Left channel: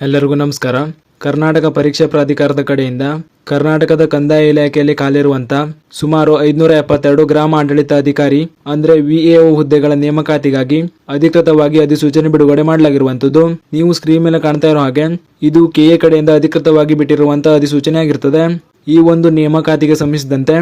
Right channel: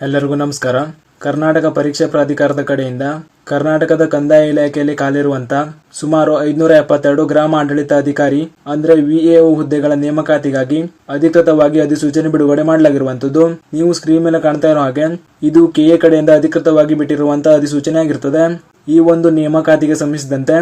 ಎಲ್ಲರಿಗೂ ನಮಸ್ಕಾರ. ಕರ್ನಾಟಕ ಪರೀಕ್ಷಾ ಪ್ರಾಧಿಕಾರದ ಕಡೆಯಿಂದ ಕರ್ನಾಟಕದ ಕಂದಾಯ ಇಲಾಖೆಯಲ್ಲಿ ಖಾಲಿರುವಂತ ಸುಮಾರು 572 ಗ್ರಾಮ ಆಡಳಿತ ಅಧಿಕಾರಿ ಅಂದ್ರೆ ವಿಎಒ ಹುದ್ದೆಗಳ ನೇಮಕಾತಿಗಾಗಿ ಅಧಿಕೃತವಾಗಿ ಅಧಿಸೂಚನೆ ಬಿಡುಗಡೆ ಮಾಡಲಾಗಿರುವಂತದ್ದು. ನೀವು ಸ್ಕ್ರೀನ್ ಮೇಲೆ ಕಾಣ್ತಾ ಇರೋ ಹಾಗೆ ಇದು ಕೆಎ ಕಡೆಯಿಂದ ಅಧಿಕೃತವಾಗಿ ಬಿಟ್ಟಿರುವಂತಹ ಅಧಿಸೂಚನೆ ಆಗಿರುತ್ತದೆ. ಈ ಒಂದು ನೇಮಕಾತಿಗೆ ಸಂಬಂಧಿಸಿದಂತೆ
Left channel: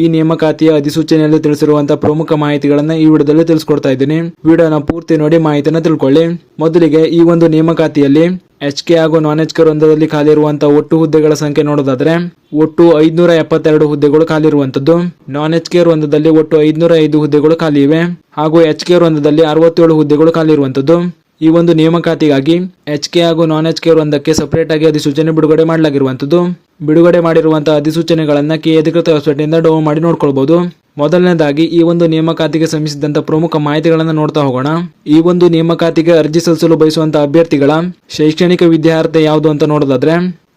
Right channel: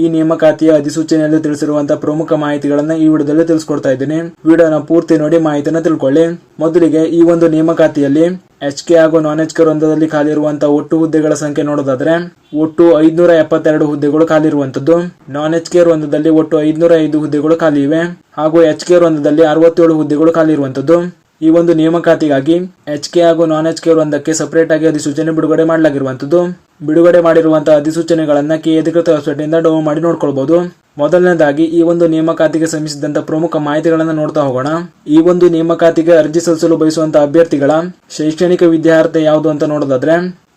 ಈ ನೇಮಕಾತಿಯ ಅಧಿಸೂಚನೆಯಲ್ಲಿ ತಿಳಿಸಿರುವಂತಹ ಪ್ರಮುಖ ಮಾಹಿತಿಗಳನ್ನ ಈ ವಿಡಿಯೋದಲ್ಲಿ ತಿಳಿಸ್ಕೊಡ್ತಾ ಇದ್ದೀನಿ. ವಿಡಿಯೋನ ಪೂರ್ತಿ ನೋಡಿ ಮಾಹಿತಿನ ತಿಳ್ಕೊಳ್ಳಿ. ಮೊದಲಿಗೆ ಈ ಒಂದು ನೇಮಕಾತಿಯಲ್ಲಿ HK ಹಾಗೂ non-HK ವೃಂದದಲ್ಲಿ ಖಾಲಿರುವಂತಹ ಒಟ್ಟು ಹುದ್ದೆಗಳ ಸಂಖ್ಯೆ ನೋಡೋದಾದ್ರೆ ಒಟ್ಟು 572 ಹುದ್ದೆಗಳು ಖಾಲಿ ಇರುವಂತದ್ದು. non-HK ವೃಂದದಲ್ಲಿ ಒಟ್ಟು 505 ಹುದ್ದೆಗಳು ಖಾಲಿ ಇವೆ ಹಾಗೂ HK ವೃಂದದಲ್ಲಿ 67 ಹುದ್ದೆಗಳು ಖಾಲಿ ಇರುವಂತದ್ದು. ಈ ಒಂದು ನೇಮಕಾತಿಗಾಗಿ HK ಹಾಗೂ non-HK ವೃಂದಕ್ಕೆ ಸಪರೇಟ್ ಆಗಿ ಅಧಿಸೂಚನೆ ಬಿಡುಗಡೆ ಮಾಡಲಾಗಿರುವಂತದ್ದು. ಬಿಡುಗಡೆ ಮಾಡಿರುವಂತಹ ಅಧಿಸೂಚನೆಗಳನ್ನ ಕೆ ಅಧಿಕೃತ ವೆಬ್ಸೈಟ್ ಇಂದ ಡೌನ್ಲೋಡ್ ಮಾಡಿ ನೋಡ್ಕೊಳ್ಬಹುದು. ಮೊದಲನೇದಾಗಿ ಈ ಒಂದು ನೇಮಕಾತಿಗೆ ಸಂಬಂಧಿಸಿದಂತ ಪ್ರಮುಖ ಮಾಹಿತಿಗಳನ್ನ ನೋಡ್ತಾ ಹೋಗೋಣ. ಈ ಒಂದು ನೇಮಕಾತಿಗೆ ಅರ್ಜಿ ಸಲ್ಲಿಸಲು ಬಯಸುವಂತಹ ಅಭ್ಯರ್ಥಿಗಳ ಶೈಕ್ಷಣಿಕ ವಿದ್ಯಾರ್ಹತೆ ಯಾವುದು ಅಂತ ನೋಡೋದಾದ್ರೆ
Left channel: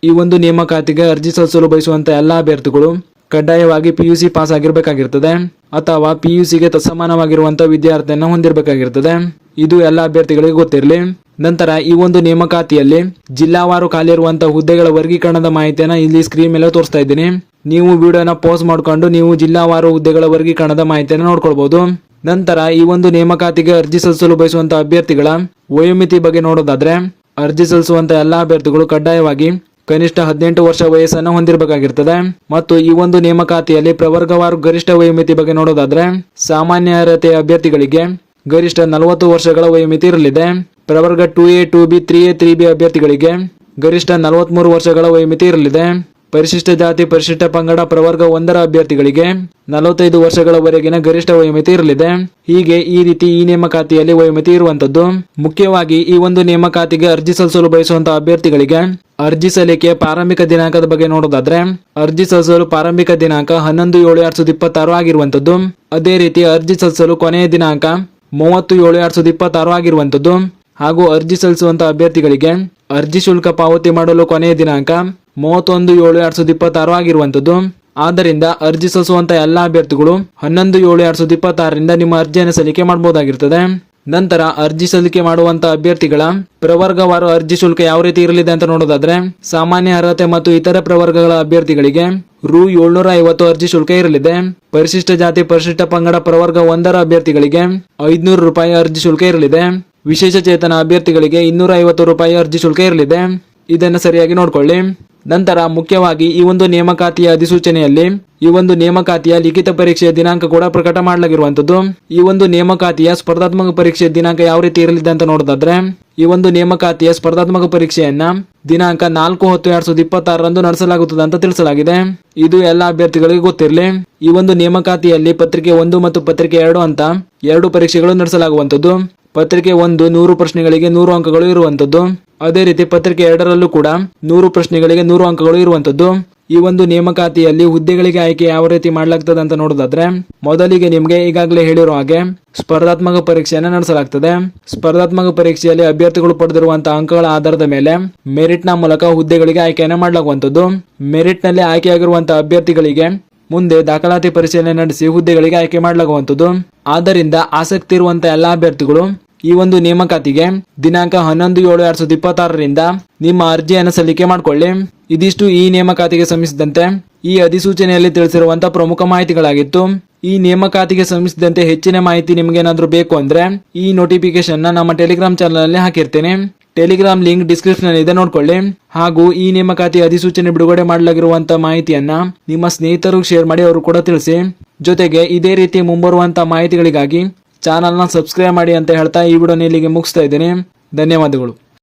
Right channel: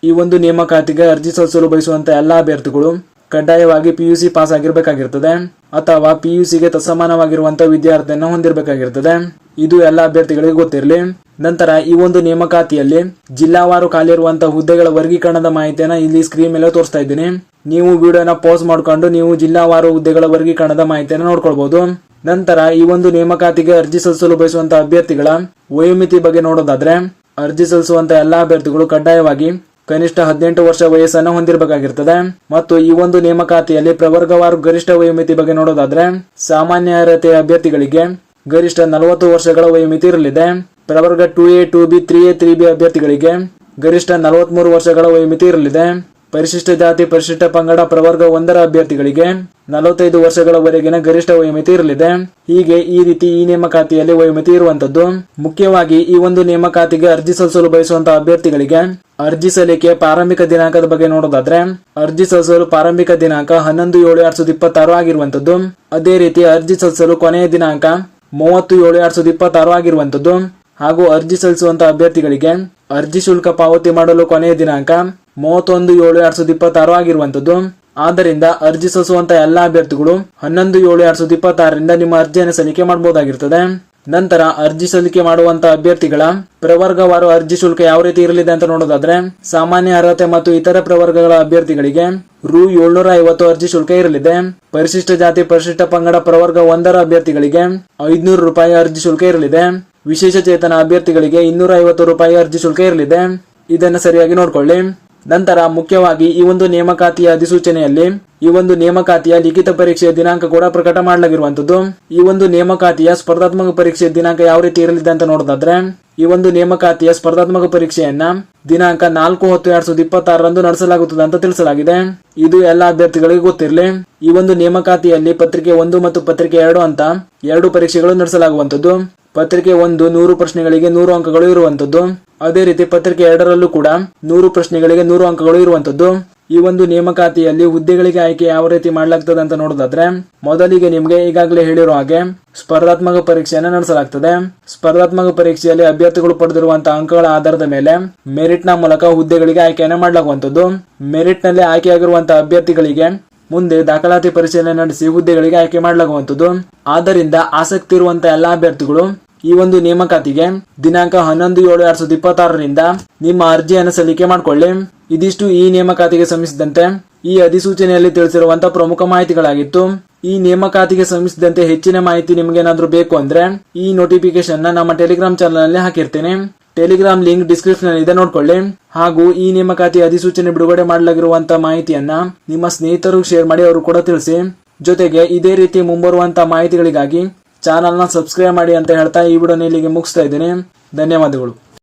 ಈ ಒಂದು ನೇಮಕಾತಿಗೆ ಅರ್ಜಿ ಸಲ್ಲಿಸಲು ಬಯಸುವಂತ ಎಲ್ಲಾ ಅಭ್ಯರ್ಥಿಗಳು ಕಡ್ಡಾಯವಾಗಿ PUC ಪಾಸ್ ಆಗಿರಬೇಕಾಗಿರ್ತದೆ ಅಥವಾ PUCಗೆ ತತ್ಸಮಾನವಾಗಿರುವಂತಹ ವಿದ್ಯಾರ್ಥಿಯನ್ನು ಹೊಂದಿರಬೇಕಾಗಿರ್ತದೆ. ಇದು ಎಲ್ಲಾ ಅಭ್ಯರ್ಥಿಗಳಿಗೆ ಗೊತ್ತಿರಲಿ. ನಂತರ ಈ ಒಂದು ನೇಮಕಾತಿಯಲ್ಲಿ ಜಿಲ್ಲಾವಾರು ಖಾಲಿ ಇರುವಂತಹ ಹುದ್ದೆಗಳ ವರ್ಗೀಕರಣದ ಮಾಹಿತಿಯನ್ನ ಇಲ್ಲಿ ಸ್ಕ್ರೀನ್ ಮೇಲೆ ತೋರಿಸ್ತಾ ಇದ್ದೀನಿ. ನೀವು ವಿಡಿಯೋನ ಪಾಸ್ ಮಾಡಿಕೊಂಡು ನೀವು ಜಿಲ್ಲಾವಾರು ಹುದ್ದೆಗಳ ವರ್ಗೀಕರಣದ ಮಾಹಿತಿಯನ್ನು ನೋಡ್ಕೊಳ್ಬಹುದು. ನಂತರ ಈ ಒಂದು ನೇಮಕಾತಿಗೆ ಅರ್ಜಿ ಸಲ್ಲಿಸಲು ಬಯಸುವಂತಹ ಅಭ್ಯರ್ಥಿಗಳ ವಯೋಮಿತಿ ಬಗ್ಗೆ ನೋಡೋದಾದ್ರೆ ಅರ್ಜಿ ಸಲ್ಲಿಸುವಂತಹ ಎಲ್ಲಾ ಅಭ್ಯರ್ಥಿಗಳು ಕಡ್ಡಾಯವಾಗಿ ಕನಿಷ್ಠ 18 ವರ್ಷ ವಯಸ್ಸನ್ನು ಹೊಂದಿರಬೇಕಾಗಿರ್ತದೆ. ಮತ್ತು ಈ ಒಂದು ನೇಮಕಾತಿಯಲ್ಲಿ ಪ್ರವರ್ಗವಾರು ಗರಿಷ್ಠ ವಯೋಮಿತಿ ಬಗ್ಗೆ ನೋಡೋದಾದ್ರೆ ಸಾಮಾನ್ಯ ಅರ್ಹತೆಯ ಅಭ್ಯರ್ಥಿಗಳಿಗೆ ಗರಿಷ್ಠ 40 ವರ್ಷಗಳ ವಯೋಮಿತಿ ಇರಲಿದೆ. ಪ್ರವರ್ಗ 2A 2B 3A 3B ಅಭ್ಯರ್ಥಿಗಳಿಗೆ ಗರಿಷ್ಠ 43 ವರ್ಷಗಳ ವಯೋಮಿತಿ ಇರಲಿದೆ. ಪರಿಶಿಷ್ಟ ಜಾತಿ ಪರಿಶಿಷ್ಟ ಪಂಗಡ ಪ್ರವರ್ಗ 1ರ ಅಭ್ಯರ್ಥಿಗಳಿಗೆ 45 ವರ್ಷಗಳವರೆಗಿನ ಗರಿಷ್ಠ ವಯೋಮಿತಿ ಇರಲಿದೆ. ಹೀಗೆ ಈ ರೀತಿ ಈ ನೇಮಕಾತಿಯಲ್ಲಿ ವಯೋಮಿತಿ ಇರುವಂತದ್ದು. ಮುಖ್ಯವಾಗಿ ಈ ಒಂದು ನೇಮಕಾತಿಗೆ ಅರ್ಜಿ ಸಲ್ಲಿಸಲು ಬಯಸುವಂತಹ ಅಭ್ಯರ್ಥಿಗಳಿಗೆ ಅರ್ಜಿ ಸಲ್ಲಿಕೆ ಪ್ರಾರಂಭಿಕ ದಿನಾಂಕದ ಬಗ್ಗೆ ನೋಡೋದಾದ್ರೆ ಅರ್ಜಿ ಸಲ್ಲಿಸಲು ಪ್ರಾರಂಭಿಕ ದಿನಾಂಕ 11/7/2026 ಆಗಿರುವಂತದ್ದು. ಅದೇ ರೀತಿ ಅರ್ಜಿ ಸಲ್ಲಿಸಲು ಕೊನೆಯ ದಿನಾಂಕ 30/7/2026 ಆಗಿರುವಂತದ್ದು. ಹಾಗೂ ಅರ್ಜಿ ಸಲ್ಲಿಸುವಂತಹ ಅಭ್ಯರ್ಥಿಗಳಿಗೆ ಅರ್ಜಿ ಶುಲ್ಕ ಪಾವತಿ ಮಾಡಲು ಕೊನೆಯ ದಿನಾಂಕ 31/7/2026 ಆಗಿರುವಂತದ್ದು. ಆದ್ದರಿಂದ ಅರ್ಜಿ ಸಲ್ಲಿಸುವಂತಹ ಎಲ್ಲಾ ಅಭ್ಯರ್ಥಿಗಳು 11/7/2026 ನಿಮ್ಮ ಅರ್ಜಿಯನ್ನು ಸಲ್ಲಿಕೆ ಮಾಡಬಹುದಾಗಿರ್ತದೆ. ನಂತರ ಅರ್ಜಿ ಸಲ್ಲಿಕೆ ಮಾಡುವಂತಹ ಅಭ್ಯರ್ಥಿಗಳ ಪ್ರವರ್ಗವಾರು ಅರ್ಜಿ ಶುಲ್ಕ ಯಾವ ರೀತಿ ಇರಲಿದೆ ಅಂತ ನೋಡೋದಾದ್ರೆ ಸಾಮಾನ್ಯ ಅರ್ಹತೆ ಮತ್ತು ಇತರ ಪ್ರವರ್ಗಗಳ ಅಭ್ಯರ್ಥಿಗಳಿಗೆ ರು 750 ಅರ್ಜಿ ಶುಲ್ಕ ಇರಲಿದೆ. ಪರಿಶಿಷ್ಟ ಜಾತಿ ಪರಿಶಿಷ್ಟ ಪಂಗಡ ಪ್ರವರ್ಗ 1ರ ಅಭ್ಯರ್ಥಿಗಳಿಗೆ 500 ರೂಪಾಯಿ ಅರ್ಜಿ ಶುಲ್ಕ ಇರಲಿದೆ. ವಿಶೇಷ ಚೇತನ ಅಭ್ಯರ್ಥಿಗಳಿಗೆ 250 ರೂಪಾಯಿ ಅರ್ಜಿ ಶುಲ್ಕ ಇರಲಿದೆ. ಇದನ್ನು ಸರಿಯಾಗಿ ನೋಡ್ಕೊಳ್ಳಿ. ನಂತರ ಮುಖ್ಯವಾಗಿ ಈ ಒಂದು ನೇಮಕಾತಿಯ ಅಧಿಸೂಚನೆಯಲ್ಲಿ ಈ ಒಂದು ನೇಮಕಾತಿಯ ಲಿಖಿತ ಪರೀಕ್ಷೆಯ ದಿನಾಂಕ ಕೂಡ ಪ್ರಕಟ ಮಾಡಲಾಗಿರುವಂತದ್ದು. ಈ ಒಂದು ನೇಮಕಾತಿಯ ಸ್ಪರ್ಧಾತ್ಮಕ ಪರೀಕ್ಷೆಯ ದಿನಾಂಕ ಯಾವ ರೀತಿ ಇರಲಿದೆ ಅಂತ ನೋಡೋದಾದ್ರೆ ಈ ಒಂದು ನೇಮಕಾತಿಯ ಸ್ಪರ್ಧಾತ್ಮಕ ಪರೀಕ್ಷೆಯನ್ನ ದಿನಾಂಕ 4/10/2026 ನಡೆಸಲಾಗುತ್ತದೆ ಅಂತ ತಿಳಿಸಲಾಗಿದೆ. ಇದು ಎಲ್ಲಾ ಅಭ್ಯರ್ಥಿಗಳಿಗೆ ಗೊತ್ತಿರಲಿ. ಈ ಒಂದು ನೇಮಕಾತಿಯಲ್ಲಿ ಪತ್ರಿಕೆ 1 ಮತ್ತು ಪತ್ರಿಕೆ 2 ಅಂತ 2 ಪರೀಕ್ಷೆಗಳು ನಡೆಸಲಾಗುವಂತದ್ದು. ಪತ್ರಿಕೆ 1 100 ಪ್ರಶ್ನೆಗಳಿಗೆ 100 ಅಂಕಗಳು ಇರುವಂತದ್ದು. ಅದೇ ರೀತಿ ಪತ್ರಿಕೆ 2ರಲ್ಲೂ ಕೂಡ 100 ಪ್ರಶ್ನೆಗಳಿಗೆ 100 ಅಂಕಗಳು ಇರುವಂತದ್ದು. ಈ ಒಂದು ನೇಮಕಾತಿಯಲ್ಲಿ ಹುದ್ದೆಗಳಿಗೆ ಆಯ್ಕೆ ಯಾವ ರೀತಿ ಮಾಡಲಾಗ್ತದೆ ಅಂತ ನೋಡೋದಾದ್ರೆ ಮೊದಲಿಗೆ ನಿಮ್ಗೆ ಈಗಾಗಲೇ ಹೇಳಿರೋ ಹಾಗೆ ಸ್ಪರ್ಧಾತ್ಮಕ ಪರೀಕ್ಷೆಯನ್ನು ನಡೆಸಲಾಗ್ತದೆ. ಸ್ಪರ್ಧಾತ್ಮಕ ಪರೀಕ್ಷೆಯಲ್ಲಿ ಅಭ್ಯರ್ಥಿಗಳು ಪಡೆದಿರುವಂತಹ ಅಂಕಗಳ ಆಧಾರದ ಮೇಲೆ ಮೆರಿಟ್ ನ ಮೂಲಕ ಹುದ್ದೆಗಳಿಗೆ ಆಯ್ಕೆಯನ್ನು ಮಾಡಲಾಗುವಂತದ್ದು. ಮೆರಿಟ್ ನಲ್ಲಿ ಆಯ್ಕೆಯಾಗಿರುವಂತಹ ಅಭ್ಯರ್ಥಿಗಳಿಗೆ ಮುಂದೆ ದಾಖಲಾತಿ ಪರಿಶೀಲನೆ ನಡೆಸಿ ಹುದ್ದೆಗಳಿಗೆ ಆಯ್ಕೆ ಮಾಡಲಾಗುವಂತದ್ದು. ಆದ್ದರಿಂದ ಆಸಕ್ತಿ ಇರುವಂತಹ ಎಲ್ಲಾ ಅಭ್ಯರ್ಥಿಗಳು ಈ ಒಂದು ನೇಮಕಾತಿಗೆ ದಿನಾಂಕ 11/7/2026 ನಿಮ್ಮ ಅರ್ಜಿಯನ್ನು ಸಲ್ಲಿಕೆ ಮಾಡಿಕೊಳ್ಳಿ. ಇದಿಷ್ಟು ಈ ನೇಮಕಾತಿಗೆ ಸಂಬಂಧಿಸಿದಂತೆ ಈ ಅಧಿಸೂಚನೆಯಲ್ಲಿ ತಿಳಿಸಿರುವಂತಹ ಪ್ರಮುಖ ಮಾಹಿತಿಗಳಾಗಿತ್ತು. ಈ ನೇಮಕಾತಿಗೆ ಸಂಬಂಧಿಸಿದಂತೆ ಹೆಚ್ಚಿನ ಮಾಹಿತಿ ನಿಮ್ಗೇನಾದ್ರೂ ಬೇಕು ಅಂದ್ರೆ ಈ ನೋಟಿಫಿಕೇಶನ್ ನಮ್ಮ ಟೆಲಿಗ್ರಾಮ್ ಚಾನಲ್ ಅಲ್ಲಿ ಹಾಕಿರ್ತೇನೆ. ಟೆಲಿಗ್ರಾಮ್ ಲಿಂಕ್ ಡಿಸ್ಕ್ರಿಪ್ಷನ್ ಅಲ್ಲಿ ಇದೆ, ನೋಡ್ಕೊಳ್ಳಿ. ಹಾಗೂ ಈ ನೇಮಕಾತಿ ಅಧಿಸೂಚನೆ ಬಿಡುಗಡೆ ಮಾಡಲಾಗಿರುವಂತಹ ಮಾಹಿತಿಯನ್ನ ನಿಮ್ಮ ಸ್ನೇಹಿತರು ಶೇರ್ ಮಾಡಿ ಅವರು ಕೂಡ ತಿಳಿಸಿ. ಜೊತೆಗೆ ಇದೇ ರೀತಿ ಮುಂಬರುವಂತಹ ಮಾಹಿತಿಗಳಿಗಾಗಿ ಚಾನಲ್ನ ಸಬ್ಸ್ಕ್ರೈಬ್ ಮಾಡಿ ಅಂತ ಹೇಳ್ತಾ ಈ ವಿಡಿಯೋನ ಇಲ್ಲಿಗೆ ಮುಗಿಸ್ತಾ ಇದ್ದೀನಿ. ಧನ್ಯವಾದಗಳು.